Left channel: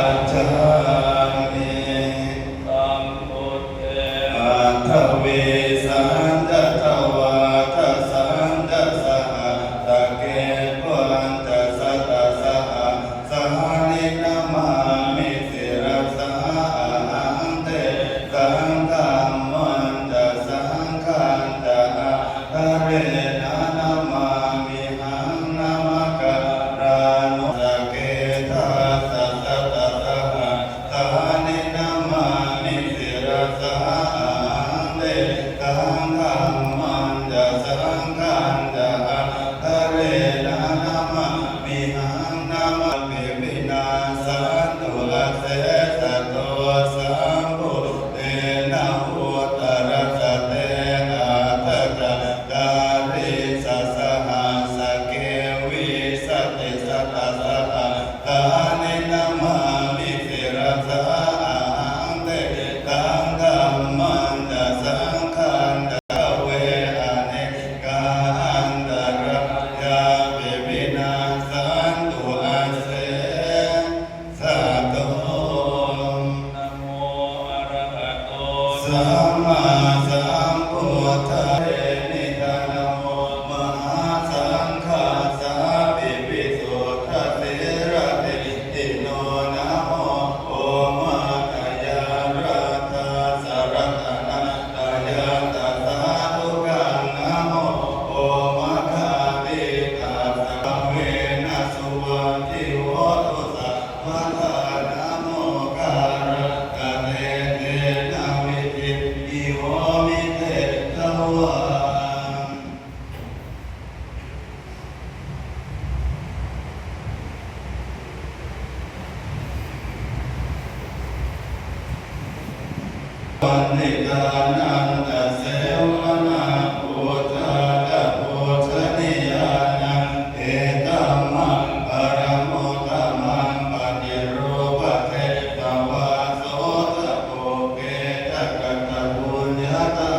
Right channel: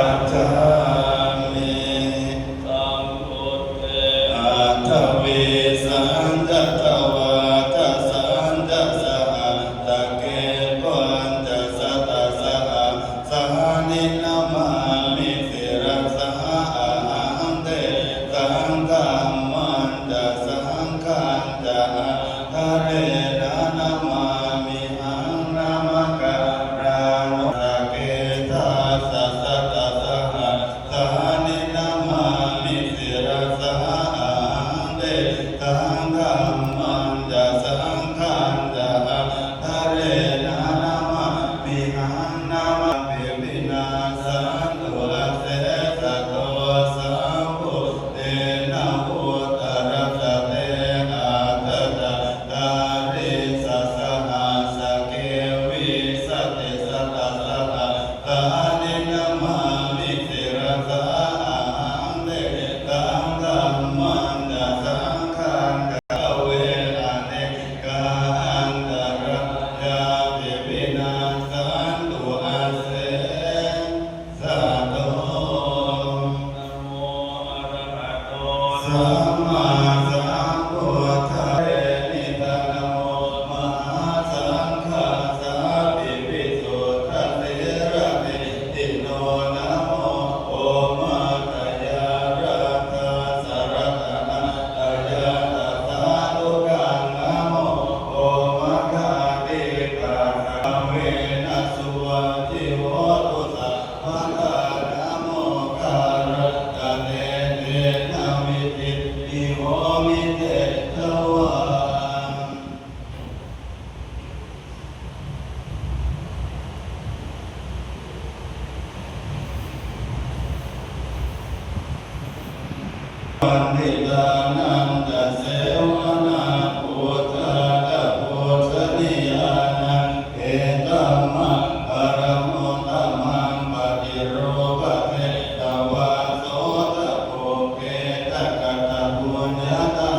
ปัจจามิสัมพุทเทอาทเวสันจะทวาทสันจะสะตะเกปัญจะสัตตะสะสหนินามามิสิรสหอันเตสังฆัมมันจะสังฆันจะทะเรนะนามามิหังนามการานุสเกทาสัตตะสหนินามามิสิรสหอันเตสังฆัมมันจะสังฆันจะทะเรนะนามามิหังนามามิวินาสันตุอาเสสะโตสัมพุทเตนะอุตรสเตอาทัตตะการิสัสสหัสเกวิสัตติสัตตะสัตตะสหนินามามิสิรสหอันเตสังฆัมมันจะสังฆันจะเวอเนกาอันตรายาวิวินาสันตุอาเสสะโตนะโมอะระหะโตสัมมาสัมพุทธัสสะนิทานะโมมหาสังฆัสสะปิปิสุทธัสสิรติอิโนนะโมโอมาตยารัตถะสารตนะตยาตสาธุกังนะโมโอมะคาติตาสัมเวนะสุวะจิโหตุสัพพะทานะโมคารกะเตเตนะวิจิอิโหมิเตทวาวันนิดานันตเสวนาพุทธะพุทธนิยานังเอตัมมะปรโมตัมมังปฏิรูปเทตวาโสตโภเกตกะตะบุญญาตา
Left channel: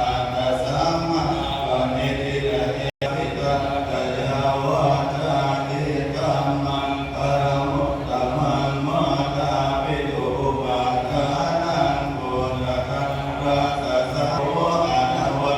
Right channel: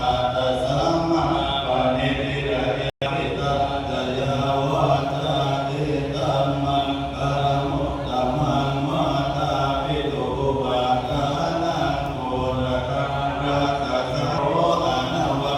อัตตสัมมาปณิทิระเอหิตาตยาวาจาอิตัมมังปรโมตัมมังมาตาปิตุปาทานังโพธะราสสะโสอะนะวะ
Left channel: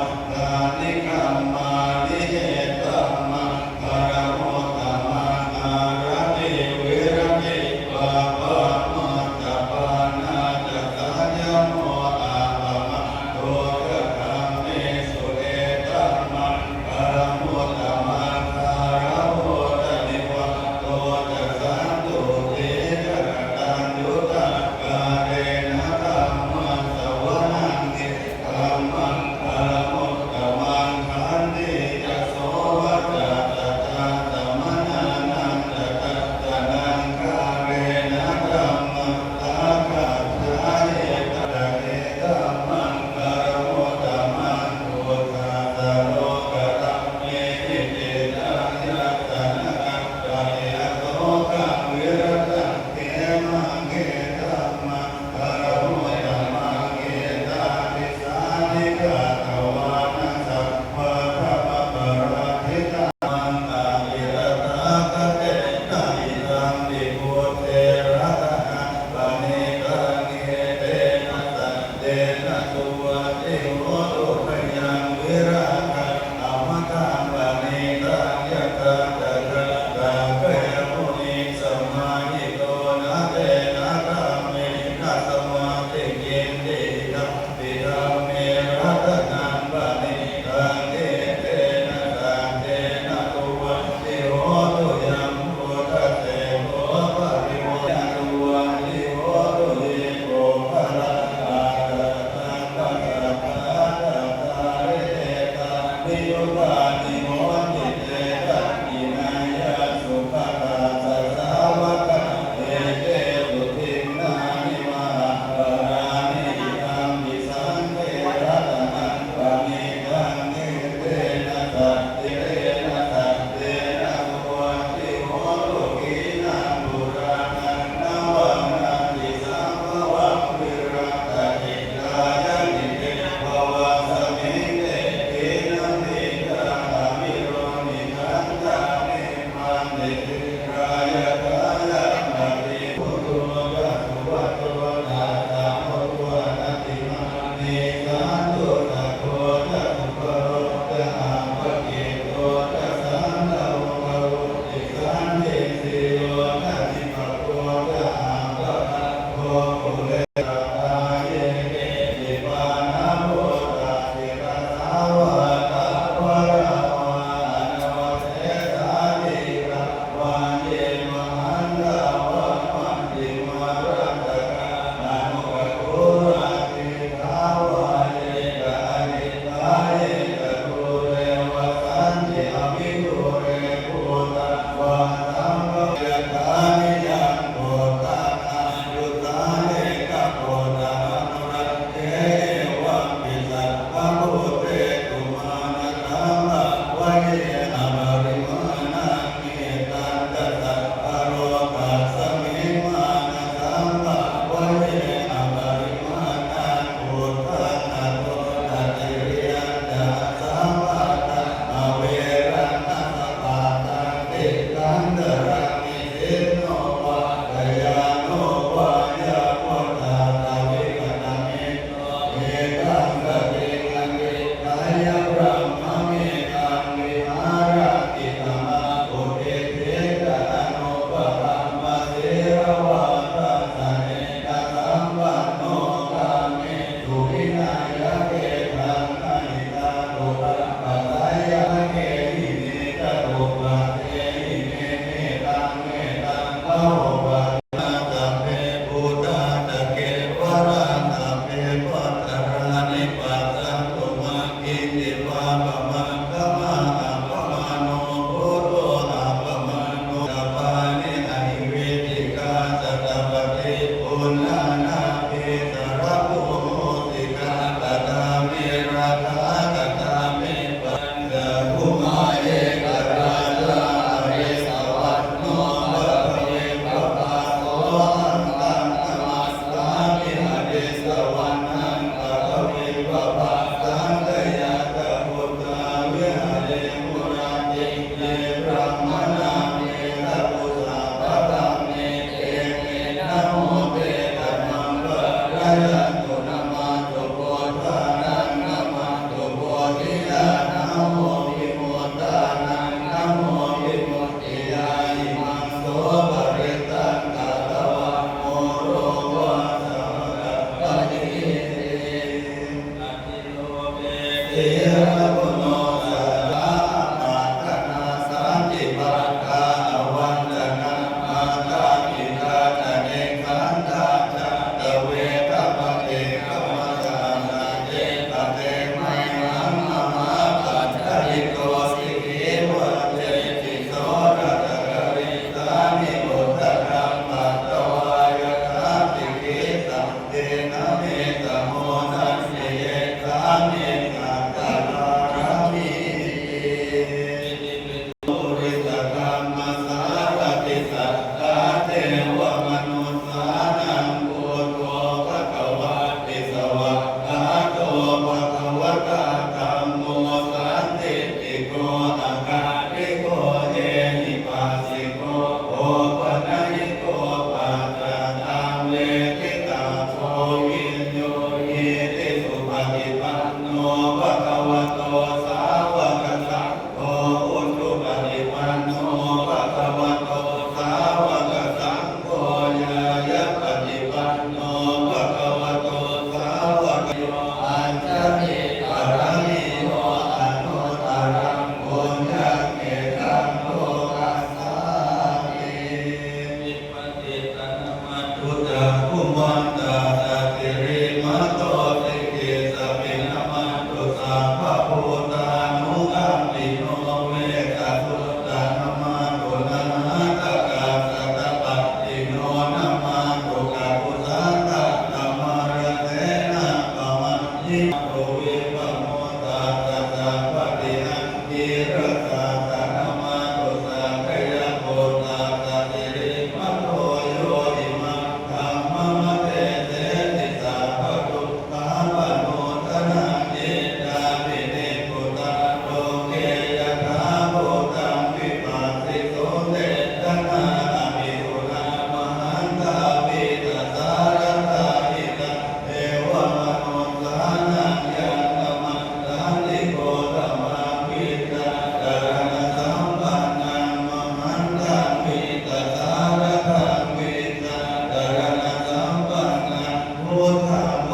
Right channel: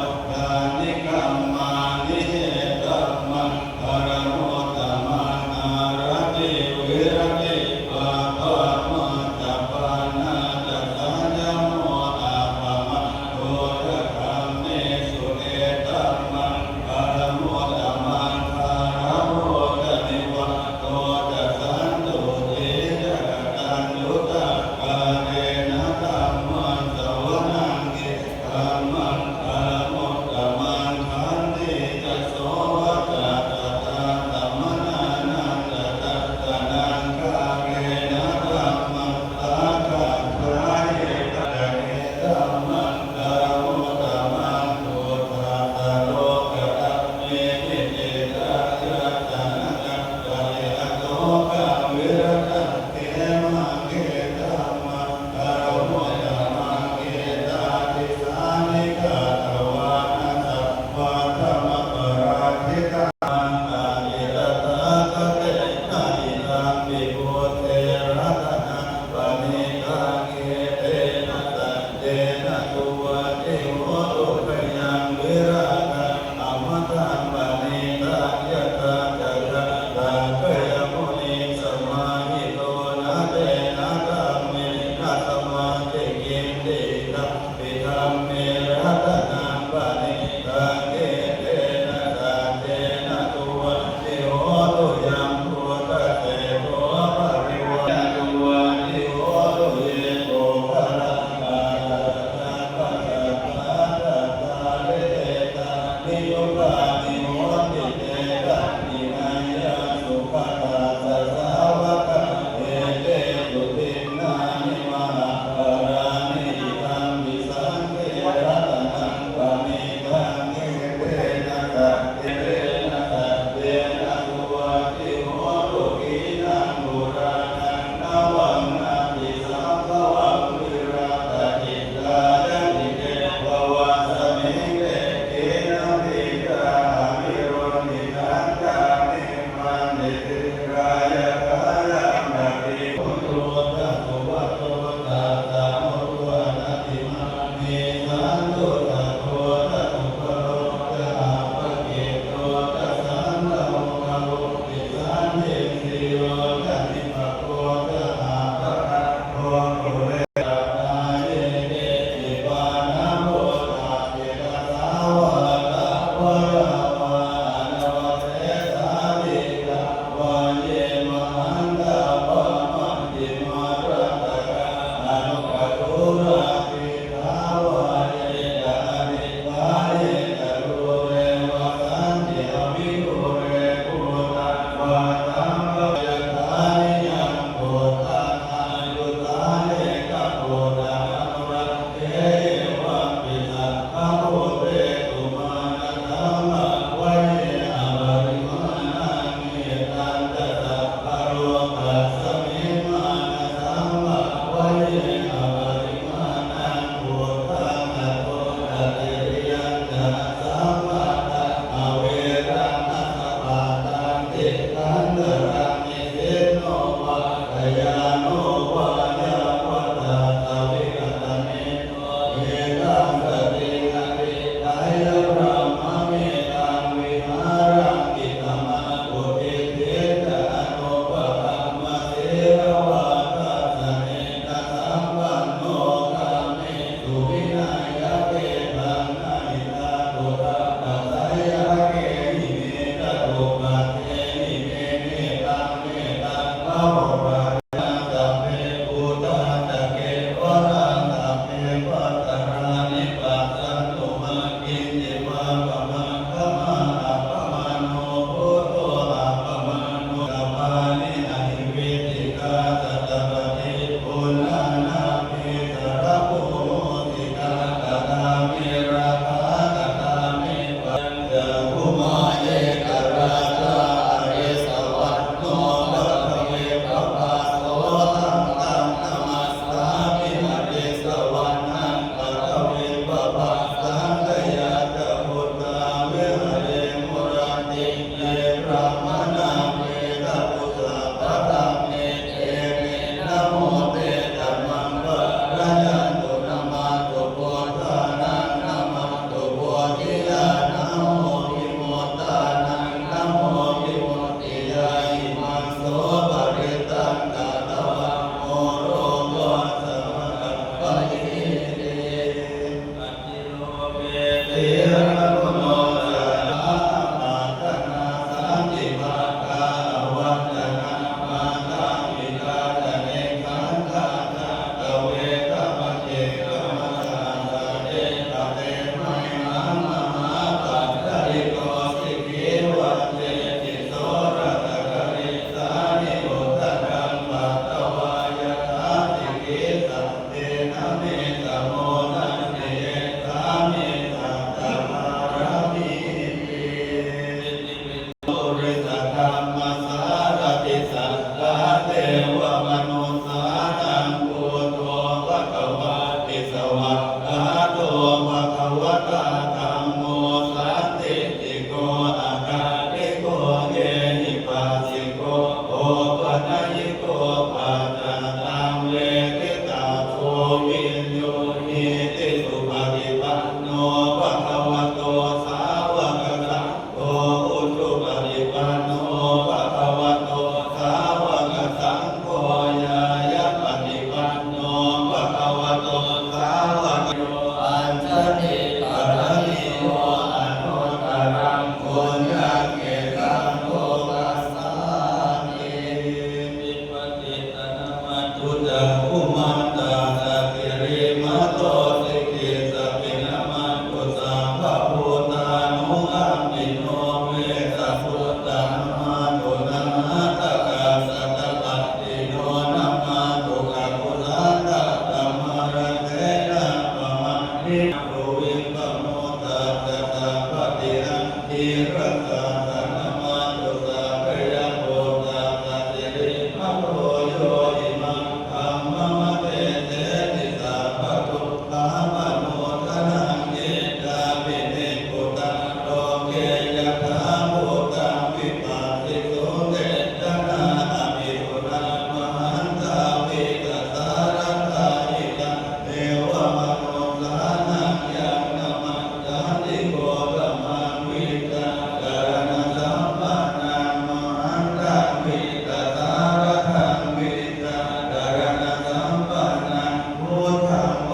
ทธัง